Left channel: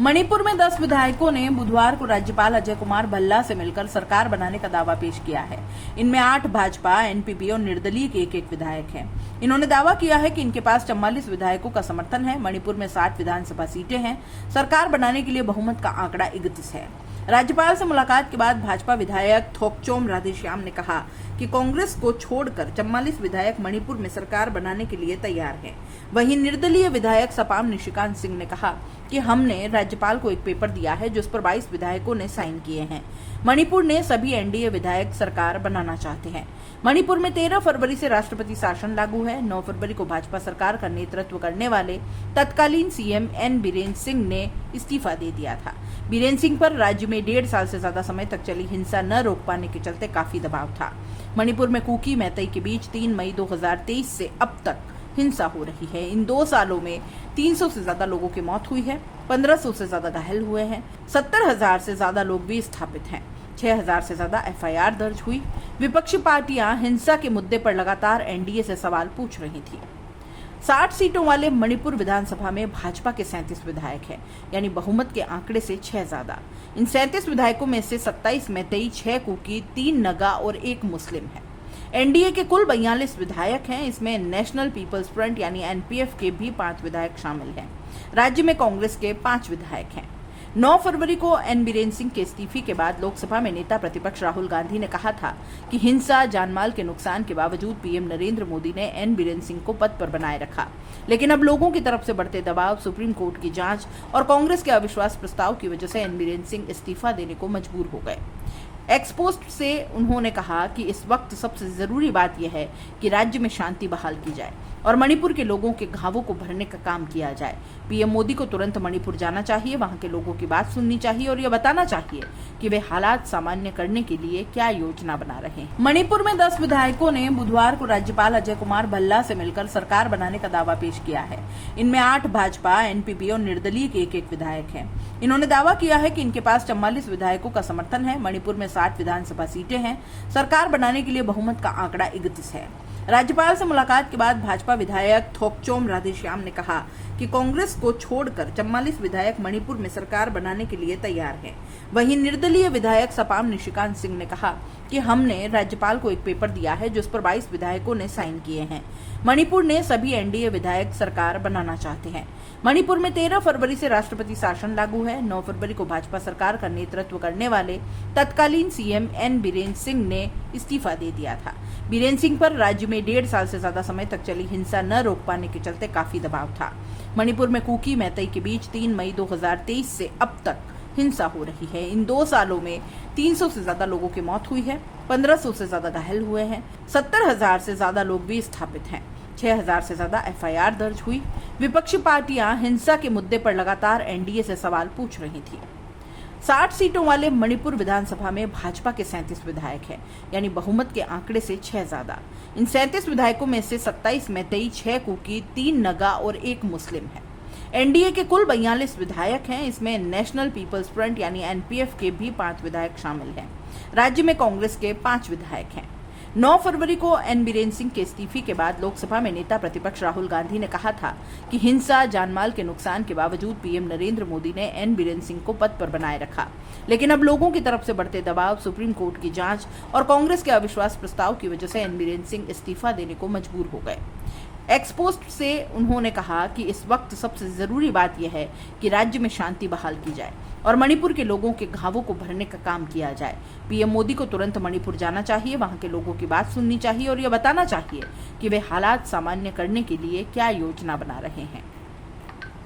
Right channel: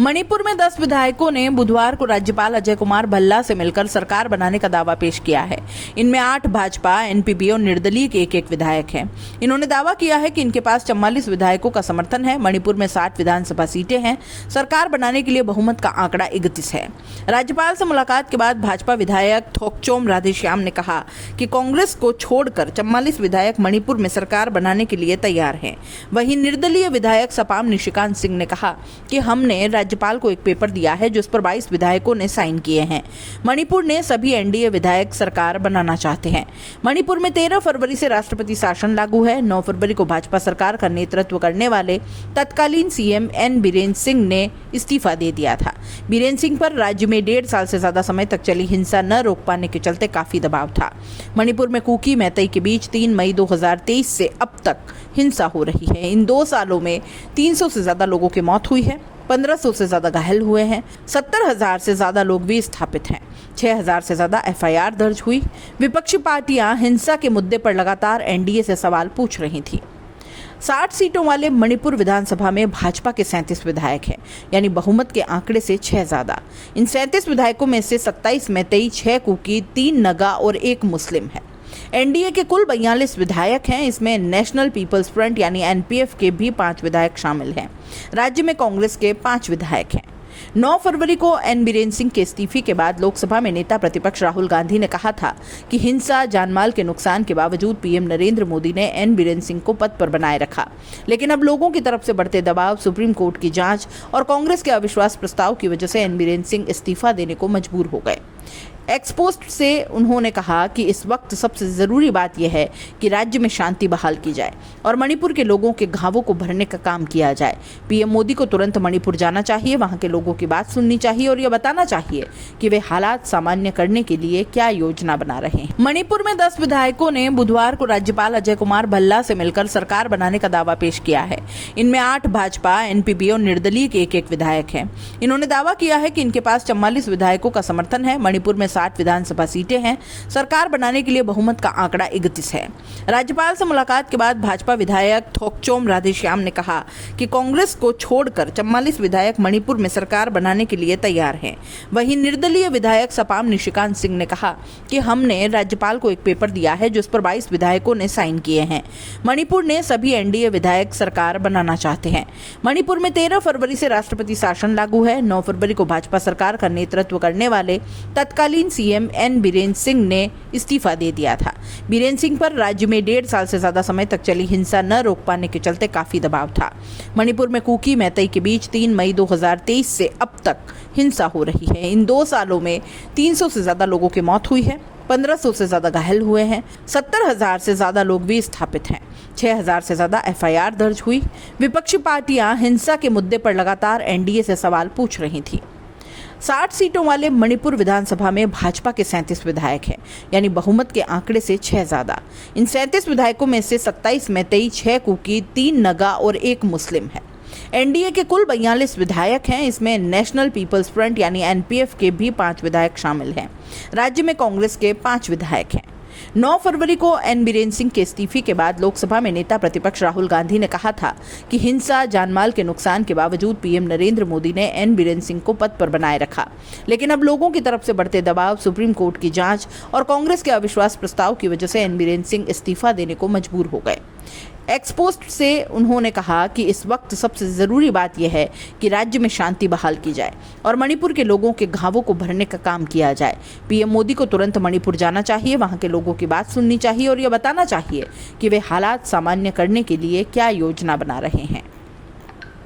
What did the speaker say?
मणिपुर में 10 विधायकों ने बुधवार को राज्यपाल अजय कुमार भल्ला से मिलकर सरकार बनाने का दावा पेश किया है। इनमें 8 भाजपा, एनपीपी और निर्दलीय के एक विधायक हैं। इन्होंने दावा किया है कि इनके पास 44 विधायकों का समर्थन है। मणिपुर में 60 विधानसभा सीटें हैं। सरकार बनाने के लिए बहुमत का आंकड़ा 31 है। राज्यपाल से मुलाकात के बाद भाजपा विधायक थोकचोम राधेश्याम ने कहा कि कांग्रेस को छोड़कर 44 विधायक मणिपुर में सरकार बनाने के लिए तैयार हैं। वहीं निर्दलीय विधायक सपाम निशिकांत सिंह ने कहा कि हमने राज्यपाल को एक पेपर दिया है जिस पर 22 विधायकों ने साइन किए हैं। मणिपुर ने सभी एनडीए विधायक सरकार बनाना चाहते हैं। मणिपुर में 13 फरवरी से राष्ट्रपति शासन लागू है। 9 फरवरी को भाजपा सरकार का नेतृत्व करने वाले तत्कालीन सीएम एन बीरेन सिंह ने इस्तीफा दे दिया था। बीरेन सिंह पर राज्य में 1.5 साल से ज्यादा समय तक चली हिंसा न रोक पाने के चलते काफी दबाव था। मणिपुर में कुकी मैतेई के बीच 3 मई 2023 से अब तक हिंसा हो रही है। इन 2 सालों में 300 से ज्यादा लोगों की मौत हुई है, 1500 से ज्यादा घायल हुए हैं, 70,000 से ज्यादा लोग विस्थापित हैं, 6,000 से ज्यादा एफआईआर दर्ज हुई। विपक्षी पार्टियां हिंसा के मुद्दे पर लगातार एनडीए से सवाल पूछ रही थी। 60 सीटों वाले मणिपुर विधानसभा में भाजपा के 37 विधायक हैं, यानी बहुमत के आंकड़े से 6 ज्यादा। इन 37 विधायकों में से 27 मैतेई, 6 कुकी, 3 नगा और 1 मुस्लिम है। एनडीए के कुल 42 विधायक हैं। इसमें नेशनल पीपल्स फ्रंट यानी एनपीएफ के भी 5 विधायक शामिल हैं। राज्य में कांग्रेस के 5 विधायक हैं। 9 फरवरी को एन बीरेन सिंह के इस्तीफे के बाद लोकसभा में नेता प्रतिपक्ष राहुल गांधी ने कहा था कि हिंसा, जानमाल के नुकसान के बावजूद पीएम नरेंद्र मोदी ने एन बीरेन सिंह को पद पर बनाए रखा। लेकिन अब लोगों की तरफ से बढ़ते दबाव, सुप्रीम कोर्ट की जांच और कांग्रेस के अविश्वास प्रस्ताव की वजह से एन बीरेन सिंह इस्तीफा देने को मजबूर हो गए। एक्सपोस्ट से उन्होंने कहा कि इस वक्त सबसे जरूरी बात यह है कि राज्य में शांति बहाल की जाए और मणिपुर के लोगों के घावों को भरने का काम किया जाए। पीएम मोदी को तुरंत मणिपुर जाना चाहिए, वहां के लोगों की बात सुननी चाहिए और यह बताना चाहिए कि वे हालात सामान्य करने के लिए क्या योजना बना रहे हैं। मणिपुर में 10 विधायकों ने बुधवार को राज्यपाल अजय कुमार भल्ला से मिलकर सरकार बनाने का दावा पेश किया है। इनमें 8 भाजपा, एनपीपी और निर्दलीय के एक विधायक हैं। इन्होंने दावा किया है कि इनके पास 44 विधायकों का समर्थन है। मणिपुर में 60 विधानसभा सीटें हैं। सरकार बनाने के लिए बहुमत का आंकड़ा 31 है। राज्यपाल से मुलाकात के बाद भाजपा विधायक थोकचोम राधेश्याम ने कहा कि कांग्रेस को छोड़कर 44 विधायक मणिपुर में सरकार बनाने के लिए तैयार हैं। वहीं निर्दलीय विधायक सपाम निशिकांत सिंह ने कहा कि हमने राज्यपाल को एक पेपर दिया है जिस पर 22 विधायकों ने साइन किए हैं। मणिपुर ने सभी एनडीए विधायक सरकार बनाना चाहते हैं। मणिपुर में 13 फरवरी से राष्ट्रपति शासन लागू है। 9 फरवरी को भाजपा सरकार का नेतृत्व करने वाले तत्कालीन सीएम एन बीरेन सिंह ने इस्तीफा दे दिया था। बीरेन सिंह पर राज्य में 1.5 साल से ज्यादा समय तक चली हिंसा न रोक पाने के चलते काफी दबाव था। मणिपुर में कुकी मैतेई के बीच 3 मई 2023 से अब तक हिंसा हो रही है। इन 2 सालों में 300 से ज्यादा लोगों की मौत हुई है, 1500 से ज्यादा घायल हुए हैं, 70,000 से ज्यादा लोग विस्थापित हैं, 6,000 से ज्यादा एफआईआर दर्ज हुई। विपक्षी पार्टियां हिंसा के मुद्दे पर लगातार एनडीए से सवाल पूछ रही थी। 60 सीटों वाले मणिपुर विधानसभा में भाजपा के 37 विधायक हैं, यानी बहुमत के आंकड़े से 6 ज्यादा। इन 37 विधायकों में से 27 मैतेई, 6 कुकी, 3 नगा और 1 मुस्लिम है। एनडीए के कुल 42 विधायक हैं। इसमें नेशनल पीपल्स फ्रंट यानी एनपीएफ के भी 5 विधायक शामिल हैं। राज्य में कांग्रेस के 5 विधायक हैं। 9 फरवरी को एन बीरेन सिंह के इस्तीफे के बाद लोकसभा में नेता प्रतिपक्ष राहुल गांधी ने कहा था कि हिंसा, जानमाल के नुकसान के बावजूद पीएम नरेंद्र मोदी ने एन बीरेन सिंह को पद पर बनाए रखा। लेकिन अब लोगों की तरफ से बढ़ते दबाव, सुप्रीम कोर्ट की जांच और कांग्रेस के अविश्वास प्रस्ताव की वजह से एन बीरेन सिंह इस्तीफा देने को मजबूर हो गए। एक्सपोस्ट से उन्होंने कहा कि इस वक्त सबसे जरूरी बात यह है कि राज्य में शांति बहाल की जाए और मणिपुर के लोगों के घावों को भरने का काम किया जाए। पीएम मोदी को तुरंत मणिपुर जाना चाहिए, वहां के लोगों की बात सुननी चाहिए और यह बताना चाहिए कि वे हालात सामान्य करने के लिए क्या योजना बना रहे हैं।